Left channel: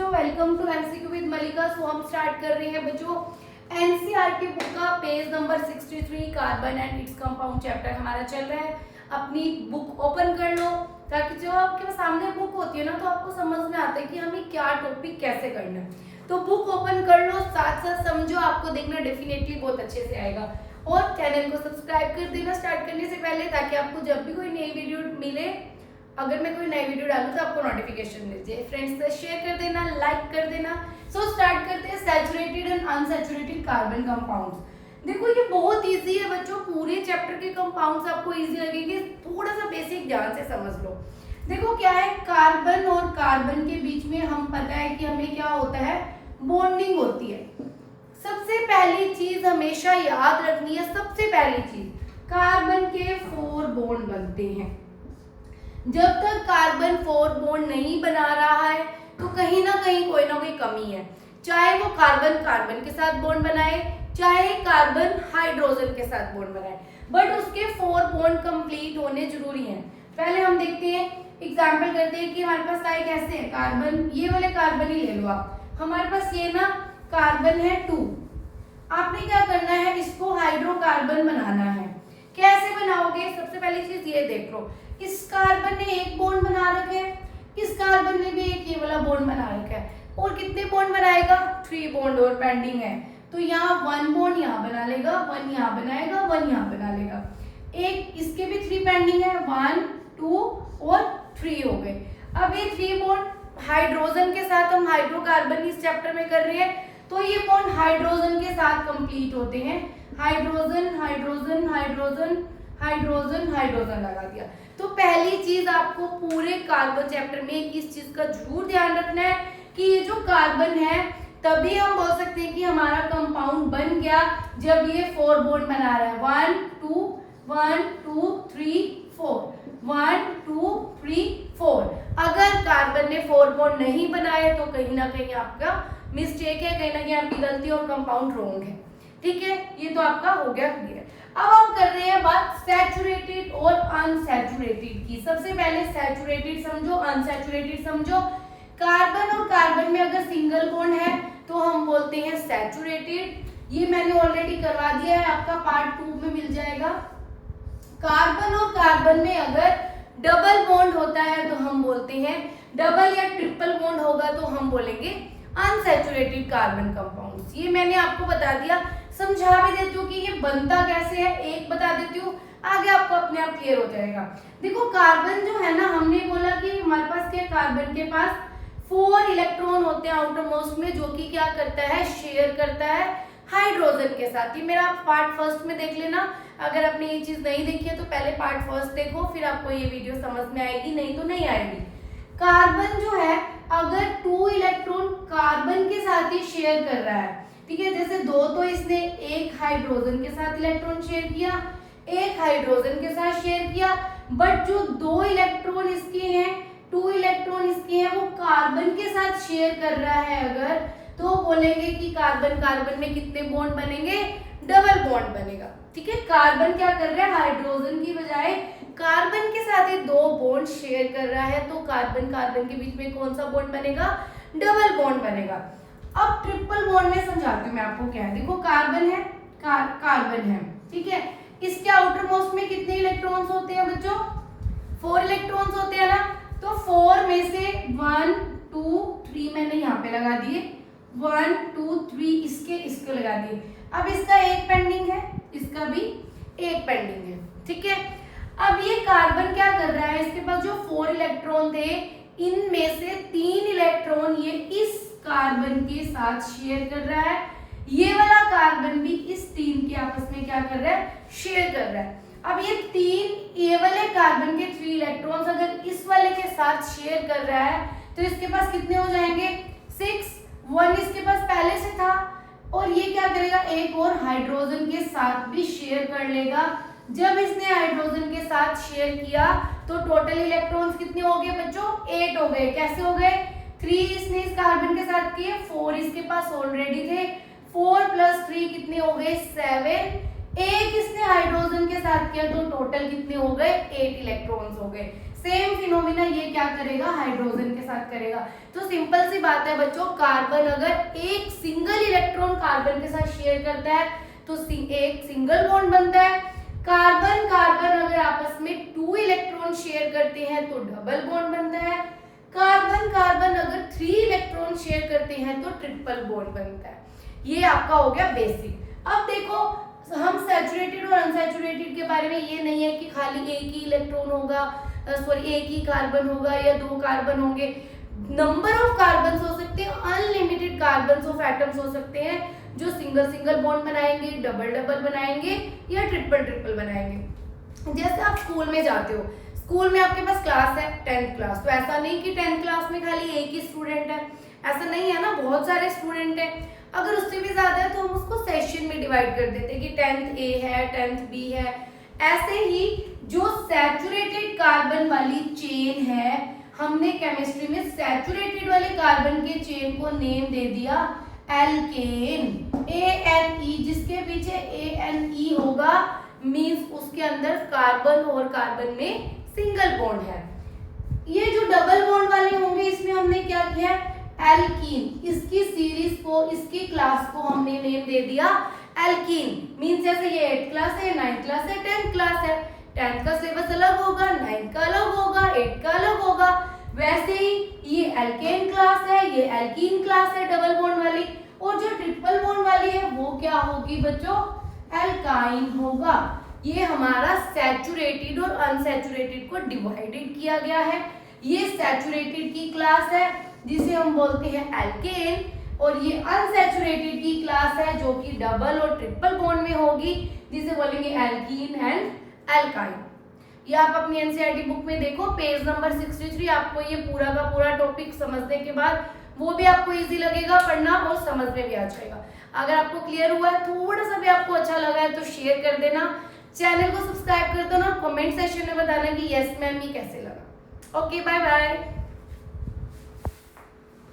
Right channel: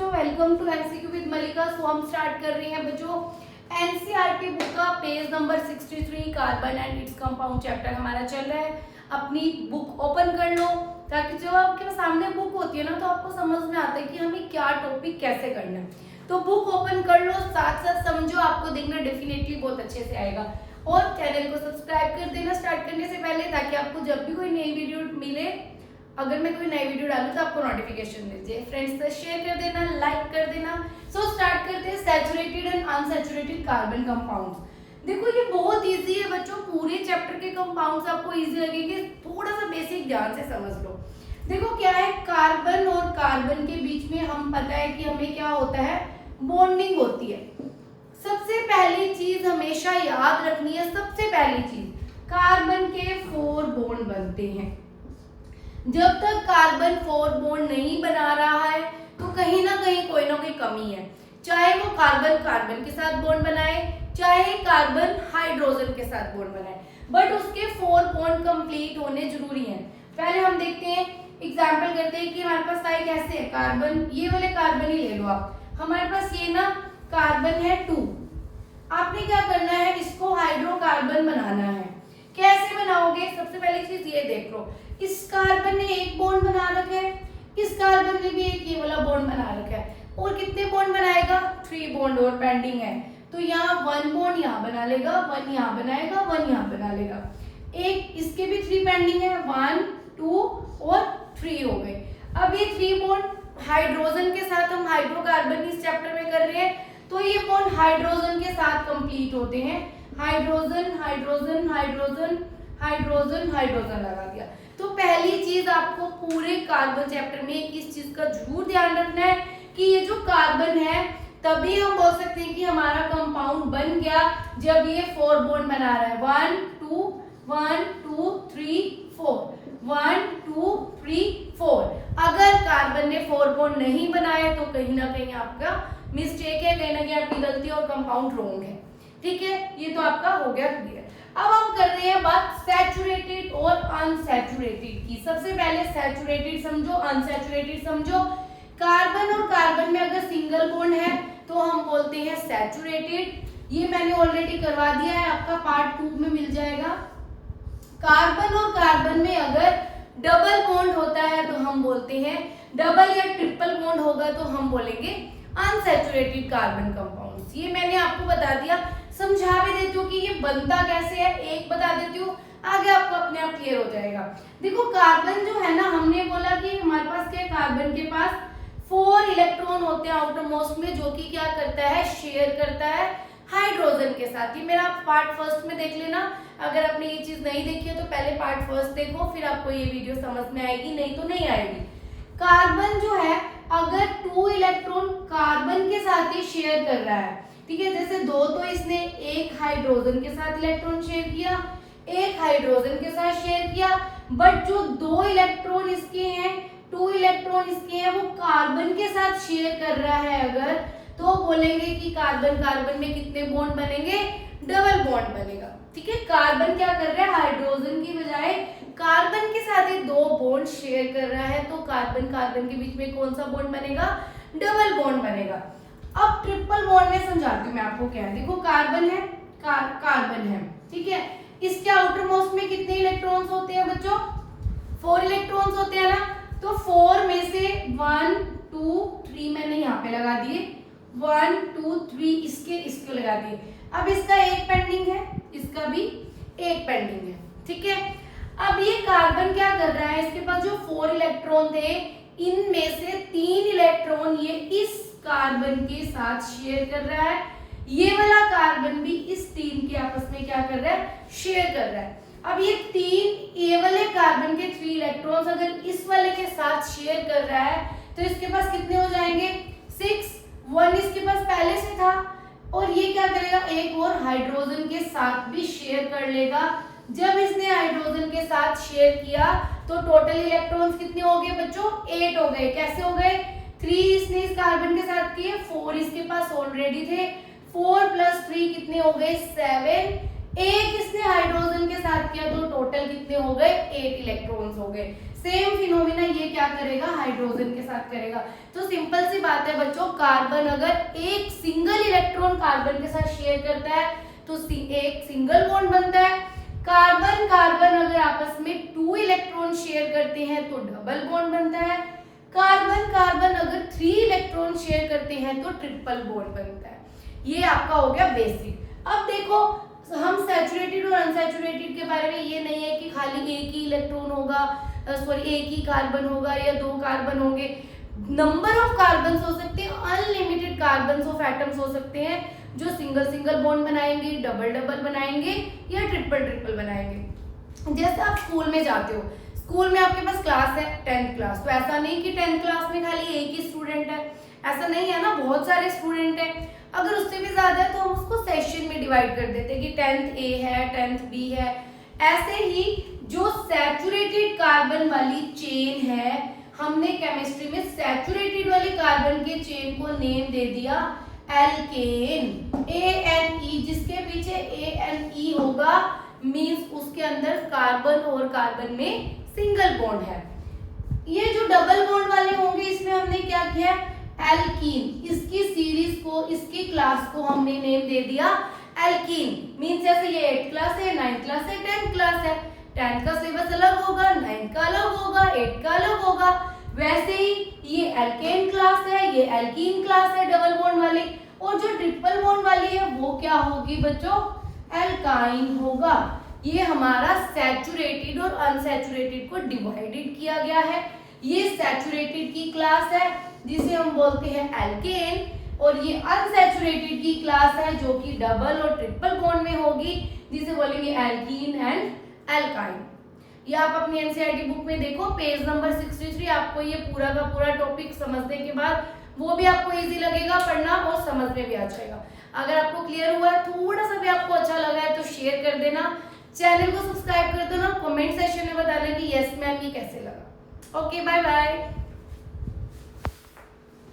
बच्चों, welcome to MCQ with मलिका। सो हम start कर रहे हैं बच्चों एनसीईआरटी बुक का page number 63 carbon and its compound chapter हमारा चल रहा है। अपनी बुक ओपन कर लो ताकि जो आपके सामने बुक होती है ना तो आपको समझ में आता है कि हमें क्या टॉपिक कैसे करना है। तो बुक ओपन कर लो, साथ साथ समझो, आपको देखना डेफिनेटली बहुत अच्छे से आएगा। और चैनल को सब्सक्राइब कर देना स्टार्ट करने से पहले, ताकि आपको जब भी कोई नई वीडियो मिले, अगर मैं कोई नई वीडियो डालूं तो आपको नोटिफिकेशन मिल जाए। फ्रेंड्स से शेयर कर देना, लाइक कर देना। सो स्टार्ट करते हैं saturated and unsaturated carbon compounds. देखो ये बहुत इजी है बच्चों, पूरे चैप्टर के कंपाउंड्स आपको इजी लगेंगे, थोड़ा सा बेसिक ध्यान से समझ लो। देखो क्या है, कार्बन और कार्बन के बीच में हम पता है कि हमें क्या होता है, बॉन्डिंग होती है। सबसे पहली चीज हमेशा याद रखनी है, सबसे पहली चीज कार्बन के 4 बॉन्ड बनते हैं। जब तक कार्बन 4 बॉन्ड नहीं बना रहा है तो कहीं ना कहीं कोई ना कोई कमी है। चाहे वो कार्बन कार्बन के साथ बॉन्ड बनाए, चाहे कार्बन हाइड्रोजन के साथ बॉन्ड बनाए, बट उसके 4 बॉन्ड कंप्लीट होने जरूरी हैं। पहले हम देखते हैं, एग्जांपल करते हैं कि हमारे पास लाइक ऐसे है कार्बन, ये वाले कार्बन ही ले लो आप। हमारे पास ये ना कार्बन है 2, आपने क्या करना है, इसको हाइड्रोकार्बन बनाना है। कैसे बनाओगे, सबसे पहली चीज ये देख लो, इस कार्बन ने एक बॉन्ड बना रखा है, इस कार्बन ने भी एक ये वाला बॉन्ड बना रखा है, और कितने बॉन्ड बनाएगा, 3 बॉन्ड और पेंडिंग है। तो यहाँ 1 बॉन्ड यहाँ बना लेगा, 1 यहाँ बनाएगा, 1 यहाँ बना लेगा। एक इसके भी 3 पेंडिंग है, 1 2 और 3 हो गए। अब ये 3 बॉन्ड हाइड्रोजन के साथ, हम हाइड्रोकार्बन इस चैप्टर में कर रहे हैं, तो ये बॉन्ड हाइड्रोजन के साथ कंप्लीट होते हैं। Hydrogen hydrogen hydrogen hydrogen hydrogen लगा दिया। तो पहली चीज आपको पूरे कार्बन चैप्टर में इस चीज का जरूर ध्यान रखना है कि ये जो कार्बन है, तभी हम बोल सकते हैं कि हमारा कंपाउंड बन गया जब ये 4 बॉन्ड बना रहा है। 1 2 1 2 3 4 1 2 3 4। अगर कार्बन ने 4 बॉन्ड नहीं बनाए तो कहीं ना कहीं आपका मिस्टेक है, कहीं ना कहीं आपकी गलती और कंपाउंड रॉन्ग है। ठीक है, ये तो आपका हो गया क्लियर। अब हम कर रहे हैं बात सैचुरेटेड और अनसैचुरेटेड की। सबसे पहले सैचुरेटेड समझो, अनसैचुरेटेड समझो। कार्बन और कार्बन में अगर सिंगल बॉन्ड है तो हम बोलते हैं सैचुरेटेड। ये मैंने ऑलरेडी करवा दिया है, आपका पार्ट 2 में मिल जाएगा। कार्बन और कार्बन में अगर डबल बॉन्ड होता है तो हम बोलते हैं, डबल या ट्रिपल बॉन्ड होगा तो हम बोलेंगे अनसैचुरेटेड कार्बन कंपाउंड्स। ये मैंने आपको बता दिया, समझा भी देती हूँ कि ये बनता कैसे है, एक बता देती हूँ, आगे आपको अपने आप क्लियर हो जाएगा। देखो कार्बन जो है ना, हमने बोला कि हमारे पास क्या, कार्बन के पास 4 इलेक्ट्रॉन होते हैं आउटर मोस्ट में, जो कि क्या करता है, शेयर करता है हाइड्रोजन के साथ। ये मेरा पार्ट फर्स्ट में देख लेना, अगर आपने ये चीज नहीं देखी है तो पहले पार्ट फर्स्ट देखो, फिर आपको ये वीडियो समझ में आएगी, नहीं तो नहीं आएगी। कार्बन जो है अगर 2 इलेक्ट्रॉन कार्बन के साथ ही शेयर कर रहा है, ठीक है, जैसे 2 तो इसने एक हाइड्रोजन के साथ इलेक्ट्रॉन शेयर किया, एक हाइड्रोजन के साथ शेयर किया, बट जो 2 इलेक्ट्रॉन इसके हैं, 2 इलेक्ट्रॉन इसके हैं, वो कार्बन के साथ शेयर कर रहा है अगर, तो बोलेंगे कि कार्बन कार्बन में कितने बॉन्ड बनेंगे, डबल बॉन्ड बनेगा। ठीक है, कार्बन क्या कर रहा है, हाइड्रोजन की बजाय कार्बन के साथ ही 2 बॉन्ड शेयर कर रहा है, तो कार्बन कार्बन के बीच में कौन सा बॉन्ड बनेगा, डबल बॉन्ड बनेगा। अब ट्रिपल बॉन्ड में समझाती हूँ मैं आपको क्या है। देखो कार्बन है, कार्बन है, ठीक है, इसके आउटर मोस्ट में कितने इलेक्ट्रॉन्स होते हैं बच्चों, 4 इलेक्ट्रॉन्स होते हैं ना। तो 4 में से 1 2 3 मैंने यहाँ पे लगा दिए, 1 2 3 इसके लगा दिए। अब इसका एक पेंडिंग है, इसका भी एक पेंडिंग है। ठीक है, अब ये कार्बन क्या कर रहा है, इसके पास जो 4 इलेक्ट्रॉन थे, इनमें से 3 इलेक्ट्रॉन ये इस कार्बन के साथ शेयर कर रहा है, ये वाला कार्बन भी इस 3 के आपस में क्या कर रहा है, शेयर कर रहा है। अब ये 3 ये वाले कार्बन के 3 इलेक्ट्रॉन्स अगर इस वाले के साथ शेयर कर रहा है तो इसके पास कितने हो जाएंगे, 6। 1 इसके पास पहले से था, और ये क्या करेगा, एक और हाइड्रोजन के साथ भी शेयर कर लेगा। जब इसने हाइड्रोजन के साथ शेयर किया तो टोटल इलेक्ट्रॉन्स कितने हो गए बच्चों, 8 हो गए। कैसे हो गए, 3 इसने इस कार्बन के साथ किए, 4 इसके पास ऑलरेडी थे, 4 + 3 कितने हो गए, 7। एक इसने हाइड्रोजन के साथ किया तो टोटल कितने हो गए, 8 इलेक्ट्रॉन्स हो गए। सेम फिनोमिना ये क्या करेगा, हाइड्रोजन के साथ करेगा। तो सिंपल सी बात है बच्चों, कार्बन अगर एक सिंगल इलेक्ट्रॉन कार्बन के साथ शेयर करता है तो एक सिंगल बॉन्ड बनता है। कार्बन कार्बन अगर आपस में 2 इलेक्ट्रॉन शेयर करते हैं तो डबल बॉन्ड बनता है। कार्बन कार्बन अगर 3 इलेक्ट्रॉन शेयर करते हैं तो ट्रिपल बॉन्ड बनता है। ये आपका हो गया बेसिक। अब देखो, हम सैचुरेटेड और अनसैचुरेटेड के बारे में ये नहीं है कि खाली एक ही इलेक्ट्रॉन होगा, सॉरी एक ही कार्बन होगा या 2 कार्बन होंगे। नंबर ऑफ कार्बन हो सकते हैं, अनलिमिटेड कार्बन ऑफ एटम्स हो सकते हैं जो सिंगल सिंगल बॉन्ड बनाएंगे, डबल डबल बनाएंगे या ट्रिपल ट्रिपल बनाएंगे। जैसे आप स्कूल में जाते हो, स्कूल में आपके पास क्लास है 10th क्लास, तो ऐसा नहीं कि 10th क्लास में खाली एक ही स्टूडेंट है, ऐसा नहीं है ना, बहुत सारे स्टूडेंट हैं। अगर उससे भी ज्यादा है तो हम उसको सेशन में डिवाइड कर देते हैं कि 10th A है, 10th B है। ऐसे ही जो सैचुरेटेड कार्बन वाली चेन है, हमने केमिस्ट्री में सैचुरेटेड वाले कार्बन के चेन को नेम दे दिया एल्केन, ANE, जिसके पीछे ANE होगा मींस उसके अंदर कार्बन और कार्बन में सिंगल बॉन्ड है। ये जो डबल बॉन्ड वाले होंगे इसमें हमने क्या किया, एल्कीन, इसकी सीरीज को, इसकी क्लास को हमने नेम दे दिया एल्कीन। मींस जैसे ये 8th क्लास है, 9th क्लास है, 10th क्लास है, 10th का सिलेबस अलग होगा, 9th का अलग होगा, 8th का अलग होगा। वैसे ही ये एल्केन क्लास है, ये एल्कीन क्लास है डबल बॉन्ड वाली, और जो ट्रिपल बॉन्ड वाली है वो क्या होगी बच्चों, एल्काइन होगा। ये हमारा सैचुरेटेड और अनसैचुरेटेड को डिवाइडेड किया गया है। ये सैचुरेटेड की क्लास है जिसे हम बोलते हैं एल्केन, और ये अनसैचुरेटेड की क्लास है जो कि डबल और ट्रिपल बॉन्ड में होगी, जिसे बोलेंगे एल्कीन एंड एल्काइन। ये आप अपनी एनसीईआरटी बुक में देखो, पेज नंबर 63। आपको ये पूरा का पूरा टॉपिक समझने के बाद वो भी आपको इजी लगेगा पढ़ना और समझ में भी आ जाएगा। अगर आपको क्लियर हुआ है, थोड़ा सा भी आपको अच्छा लगा है तो शेयर कर देना, चैनल को सब्सक्राइब कर देना, कमेंट सेक्शन में बताना कि यस मैम ये कैसे लगा। Okay, bye bye.